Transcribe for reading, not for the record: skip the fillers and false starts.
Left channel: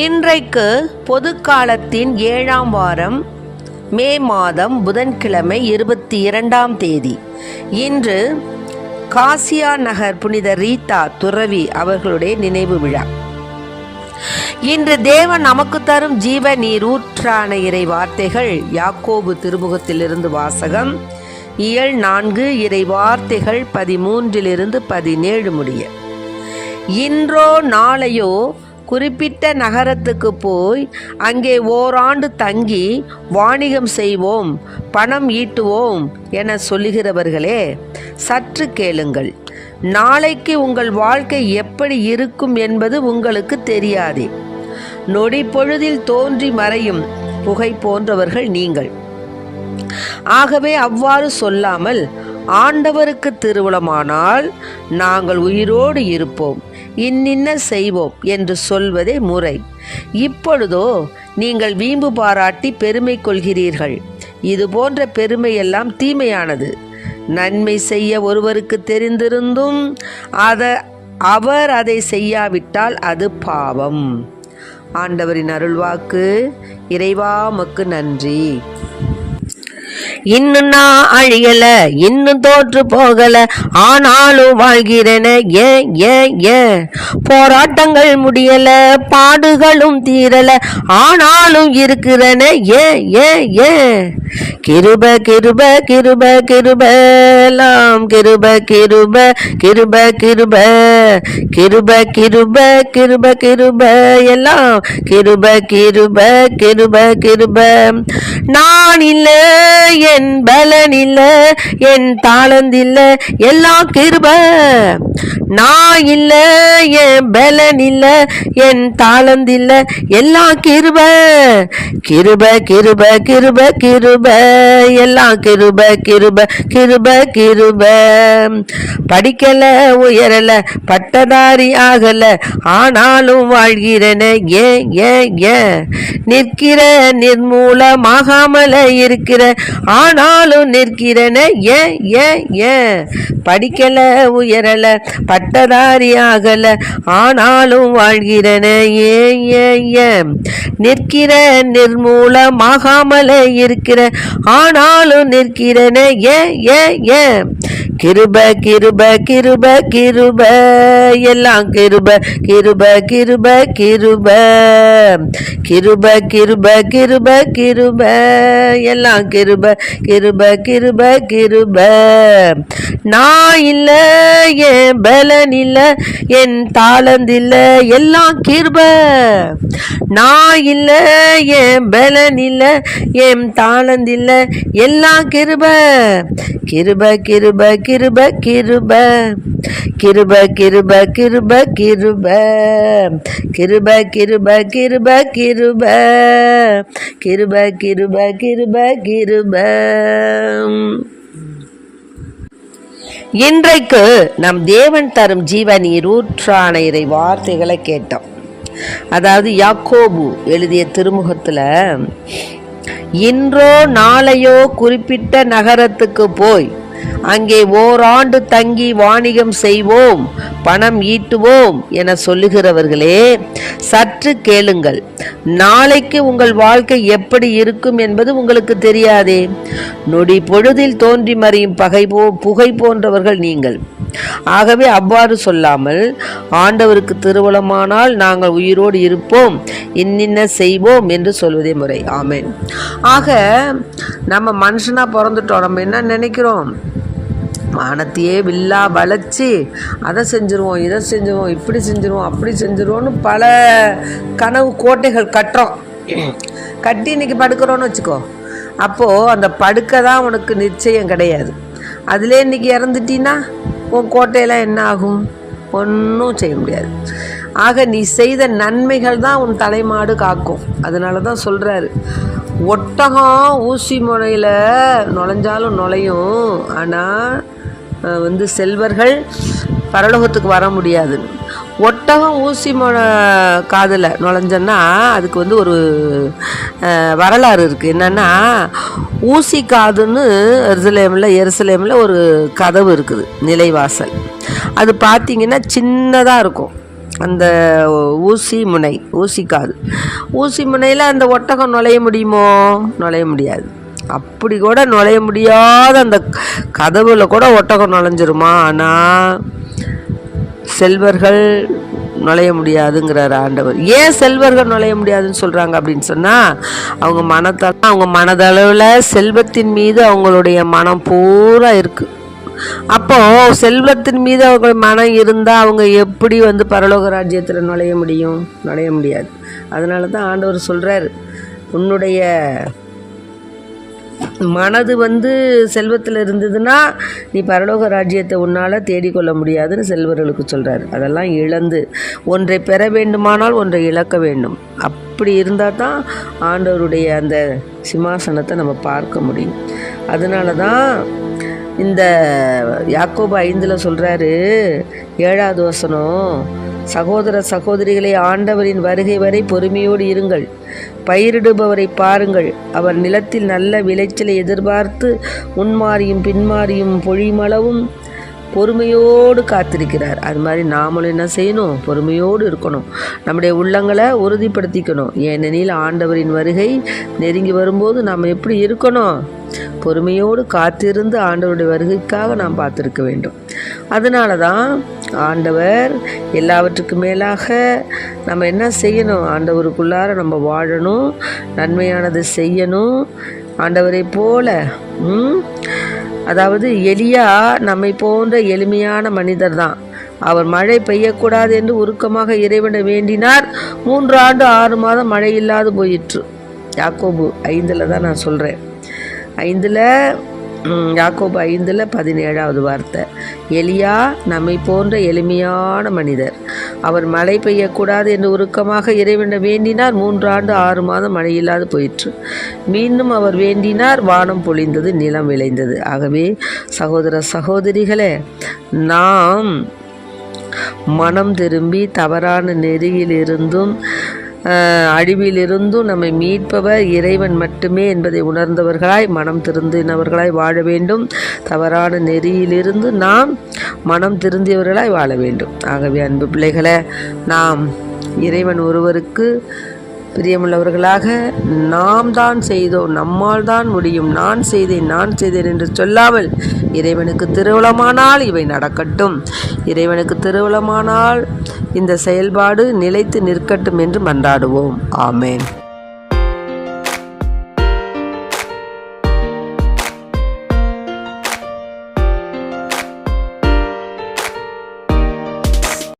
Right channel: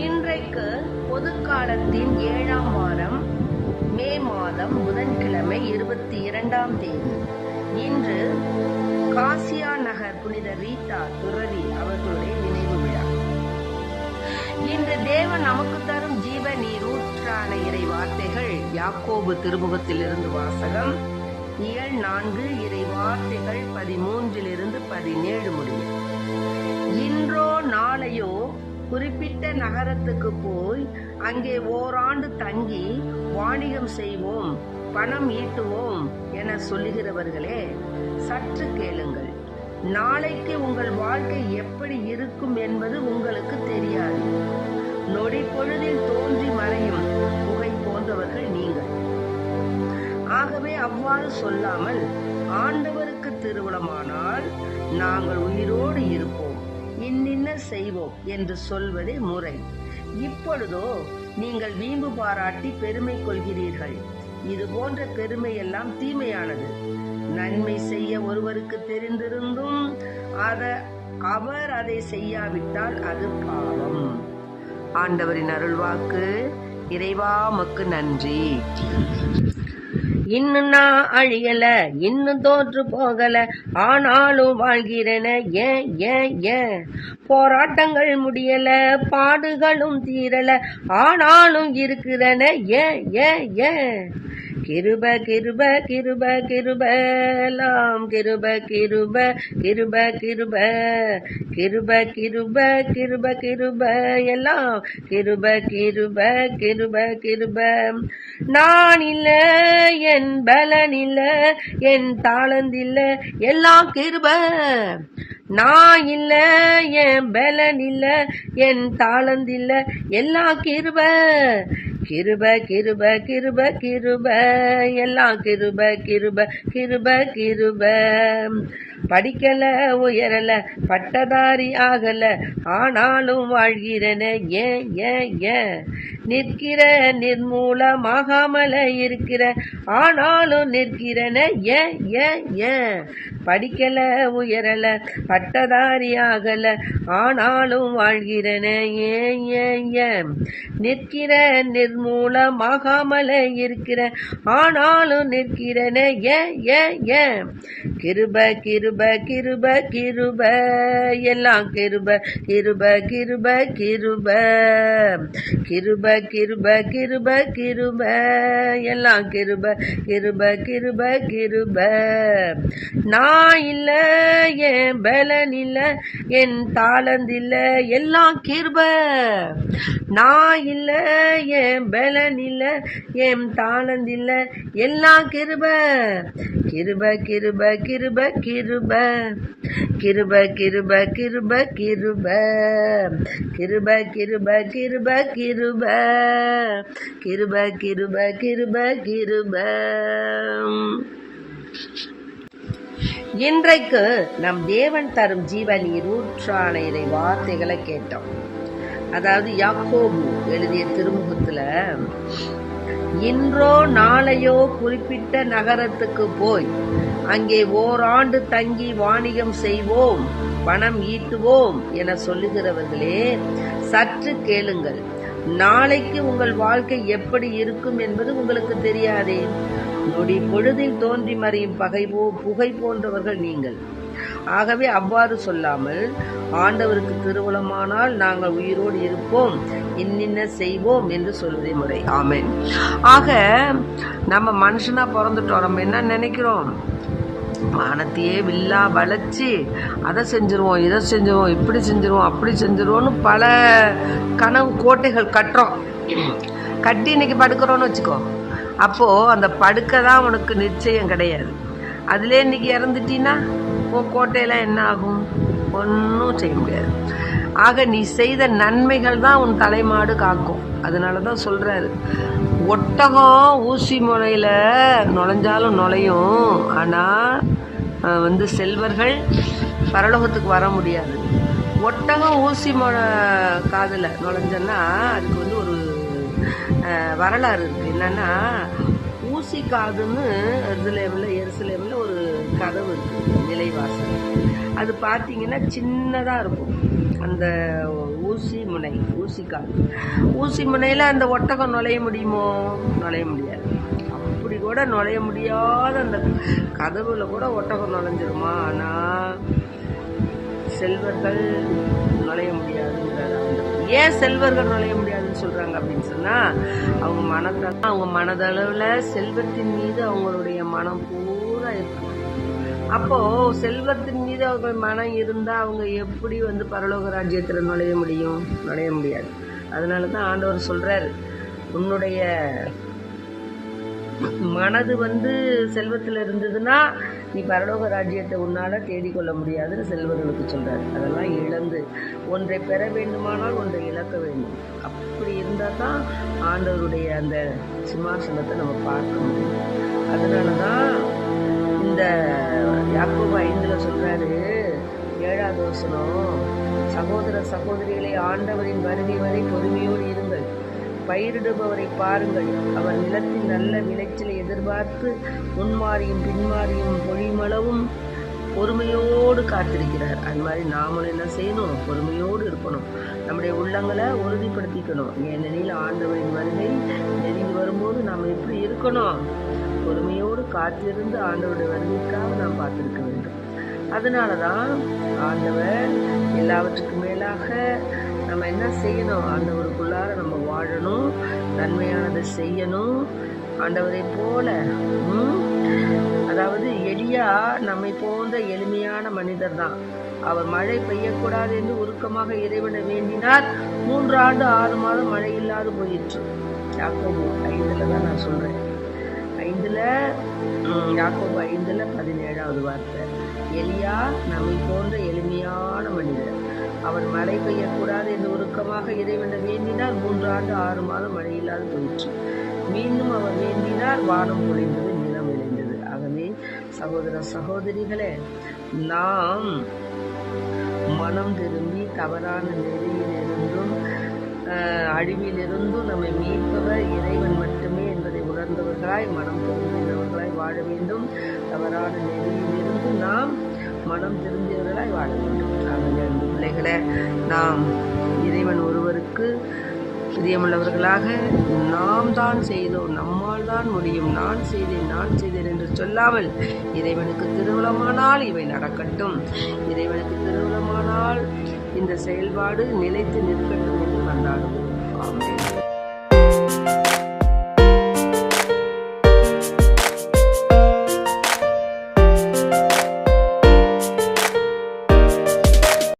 இன்றைக்கு பொதுக்காலத்தின் 7ஆம் வாரம் மே மாதம் புதன்கிழமை 22ஆம் தேதி. இன்று காசியா நகர் புனித ரீதா துறவி அவர்களுடைய நினைவு விழா. இன்று தேவன் நமக்கு தரும் ஜீவ நீரூற்றான இறை வார்த்தைகள் யாக்கோபு திருமுகத்திலிருந்து வாசகம். இயல் 4 இறை வார்த்தைகள் 13 17 முடிய. இன்றோ நாளையோ குறிப்பிட்ட நகரத்துக்கு போய் அங்கே ஓராண்டு தங்கி வாணிகம் செய்வோம், பணம் ஈட்டுவோம் என சொல்லுகிறவர்களே, சற்று கேளுங்கள். நாளைக்கு உங்கள் வாழ்க்கை எப்படி இருக்கும் என்பது உங்களுக்கு தெரியாது. நொடி பொழுதில் தோன்றி மறையும் புகை போன்றவர்கள் நீங்கள். ஆகவே அவ்வாறு சொல்லாமல், ஆண்டவருக்கு திருவுளமானால் நாங்கள் உயிரோடு இருப்போம், இன்னின்ன செய்வோம் என்று சொல்வதே முறை. இப்பொழுதோ நீங்கள் வீம்பு பாராட்டி பெருமை கொள்கிறீர்கள். இது போன்ற பெருமையெல்லாம் தீமையானது. நன்மை செய்ய ஒருவருக்கு தெரிந்திருந்தும் அவர் அதை செய்யாவிட்டால் அது பாவம். ஆண்டவரின் அருள்வாக்கு. இறைவா உமக்கு நன்றி. இன்னும் நான் அழியல, இன்னும் தோற்று போகல, ஆனாலும் வாழ்கிறேன. ஏன் போராட்டங்கள் முடியல, பாடுகளும் தீரல, ஆனாலும் இருக்கிறன. ஏன் கிருப கிருப கிருப கிருபலாம் கிருப கிருப கிருப கிருப கிருப கிருப கிருப கிருப எல்லாம் கிருப கிருப கிருப கிருப. நான் இல்ல, என் பலன் இல்ல, என் தாளந்தில்ல, எல்லாம் கிருப. நான் இல்ல, என் பலன் இல்ல, என் தாளந்தில்ல, எல்லாம் கிருப. கிருப கிருப கிருப கிருப எல்லாம் கிருப கிருப கிருப கிருப. படிக்கல, உயரல, பட்டதாரி ஆகல, ஆனாலும் வாழ்கிறன. ஏன் நிற்கிற நிர்மூலமாகாமல இருக்கிற, ஆனாலும் நிற்கிறன. ஏன் படிக்கல, உயரல, பட்டதாரி ஆகல, ஆனாலும் வாழ்கிறன. ஏன் நிற்கிற நிர்மூலமாகாமல இருக்கிற, ஆனாலும் நிற்கிறன. ஏன் கிருப கிருப கிருப கிருப எல்லாம் கிருப கிருப கிருப கிருப கிருப கிருப கிருப கிருப எல்லாம் கிருப கிருப கிருப கிருப. நான் இல்ல, என் பலன் இல்ல, என் தாளந்தில்ல, எல்லாம் கிருப. நான் இல்ல, என் பலன் இல்ல, என் தாளந்தில்ல, எல்லாம் கிருப. கிருப கிருப கிருப கிருப கிருப கிருப கிருப கிருப கிருப கிருப கிருப கிருப கிருப கிருப கிருப கிருப. இன்றைக்கு நம் தேவன் தரும் ஜீவ நீரூற்றான இறை வார்த்தைகளை கேட்டோம். அதாவது யாக்கோபு எழுதிய திருமுகத்தில், இன்றோ நாளையோ குறிப்பிட்ட நகரத்துக்கு போய் அங்கே ஓராண்டு தங்கி வாணிகம் செய்வோம், பணம் ஈட்டுவோம் என சொல்லுகிறவர்களே, சற்று கேளுங்கள். நாளைக்கு உங்கள் வாழ்க்கை எப்படி இருக்கும் என்பது உங்களுக்கு தெரியாதே. நொடி பொழுதில் தோன்றி மறையும் புகை போன்றவர்கள் நீங்கள். ஆகவே அவ்வாறு சொல்லாமல், ஆண்டவருக்கு திருவுளமானால் நாங்கள் உயிரோடு இருப்போம், இன்னின்ன செய்வோம் என்று சொல்வதே முறை. ஆமென். ஆக நம்ம மனுஷனா பிறந்துட்டோம். நம்ம என்ன நினைக்கிறோம்? வானத்தையே வில்லா வளைச்சி அதை செஞ்சுருவோம், இதை செஞ்சுருவோம், இப்படி செஞ்சுருவோம், அப்படி செஞ்சுருவோன்னு பல கனவு கோட்டைகள் கட்டுறோம். கட்டி இன்னைக்கு படுக்கிறோன்னு வச்சுக்கோ. அப்போது அந்த படுக்க தான் உனக்கு நிச்சயம் கிடையாது. அதிலே இன்னைக்கு இறந்துட்டீன்னா உன் கோட்டையெல்லாம் என்ன ஆகும்? ஒன்றும் செய்ய முடியாது. ஆக நீ செய்த நன்மைகள் தான் உன் தலைமாடு காக்கும். அதனால தான் சொல்கிறாரு, ஒட்டகம் ஊசி முனையில் நுழைஞ்சாலும் நுழையும், ஆனால் செல்வர்கள் பரலோகத்துக்கு வர முடியாது. ஒட்டகம் ஊசி காதில் நுழைஞ்சன்னா அதுக்கு ஒரு வரலாறு இருக்குது. என்னென்னா, ஊசி காதுன்னு எருசலேமில் ஒரு கதவு இருக்குது, நிலைவாசல். அது பார்த்திங்கன்னா சின்னதாக இருக்கும். அந்த ஊசி முனையில் அந்த ஒட்டகம் நுழைய முடியுமோ? நுழைய முடியாது. அப்படி கூட நுழைய முடியாத அந்த கதவுல கூட ஒட்டகம் நுழைஞ்சிருமா? ஆனால் செல்வர்கள் நுழைய முடியாதுங்கிறார் ஆண்டவர். ஏன் செல்வர்கள் நுழைய முடியாதுன்னு சொல்கிறாங்க அப்படின்னு சொன்னால், அவங்க மனதளவில் செல்வத்தின் மீது அவங்களுடைய மனம் பூரா இருக்குது. அப்போ செல்வத்தின் மீது அவங்க மனம் இருந்தால் அவங்க எப்படி பரலோக ராஜ்யத்தில் நுழைய முடியும்? நுழைய முடியாது. அதனால தான் ஆண்டவர் சொல்கிறார், உன்னுடைய மனது செல்வத்தில் இருந்ததுன்னா நீ பரலோக ராஜ்யத்தை உன்னால் தேடிக்கொள்ள முடியாதுன்னு செல்வர்களுக்கு சொல்கிறார். அதெல்லாம் இழந்து ஒன்றை பெற வேண்டுமானால் ஒன்றை இழக்க வேண்டும். அப்படி இருந்தால் தான் ஆண்டவருடைய அந்த சிம்மாசனத்தை நம்ம பார்க்க முடியும். அதனால தான் இந்த யாக்கோபு 5 சொல்கிறாரு, 7வது வசனம், சகோதர சகோதரிகளை ஆண்டவரின் வருகை வரை பொறுமையோடு இருங்கள். பயிரிடுபவரை பாருங்கள், அவர் நிலத்தில் நல்ல விளைச்சலை எதிர்பார்த்து முன்மாறியும் பின்மாறியும் பொழிமளவும் பொறுமையோடு காத்திருக்கிறார். அது மாதிரி நாமளும் என்ன செய்யணும்? பொறுமையோடு இருக்கணும். நம்முடைய உள்ளங்களை உறுதிப்படுத்திக்கணும். ஏனெனில் ஆண்டவரின் வருகை நெருங்கி வரும்போது நாம் எப்படி இருக்கணும்? பொறுமையோடு காத்திருந்து ஆண்டவருடைய வருகைக்காக நாம் பார்த்துருக்க வேண்டும். அதனால தான் ஆண்டவர் எல்லாவற்றுக்கும் மேலாக நம்ம என்ன செய்யணும்? ஆண்டவருக்குள்ளார நம்ம வாழணும், நன்மையானது செய்யணும். ஆண்டவரை போல அதாவது எலியா நம்மை போன்ற எளிமையான மனிதர் தான். அவர் மழை பெய்யக்கூடாது என்று உருக்கமாக இறைவனை வேண்டினார். 3 ஆண்டு 6 மாதம் மழை இல்லாது போயிற்று. யாக்கோபு 5 தான் நான் சொல்கிறேன். யாக்கோபு 5:17 வார்த்தை. எலியா நம்மை போன்ற எளிமையான மனிதர். அவர் மழை பெய்யக்கூடாது என்று உருக்கமாக இறைவனை வேண்டினார். 3 ஆண்டு 6 மாதம் மழை இல்லாது போயிற்று. மீண்டும் அவர் வேண்டினார், வானம் பொழிந்தது, நிலம் விளைந்தது. ஆகவே சகோதர சகோதரிகளே, நாம் மனம் திரும்பி தவறான நெறியிலிருந்தும் அழிவிலிருந்தும் நம்மை மீட்பவர் இறைவன் மட்டுமே என்பதை உணர்ந்தவர்களாய் மனம் திருந்தினவர்களாய் வாழ வேண்டும். தவறான நெறியிலிருந்து நாம் மனம் திருந்தியவர்களாய் வாழ வேண்டும். ஆகவே அன்பு பிள்ளைகளை, நாம் இறைவன் ஒருவருக்கு பிரியமுள்ளவர்களாக நாம் தான் செய்தோம், நம்மால் தான் முடியும், நான் செய்தேன் என்று சொல்லாமல் இறைவனுக்கு திருவுளமானால் இவை நடக்கட்டும், இறைவனுக்கு திருவுளமானால் இந்த செயல்பாடு நிலைத்து நிற்கட்டும் என்று மன்றாடுவோம். ஆமென்.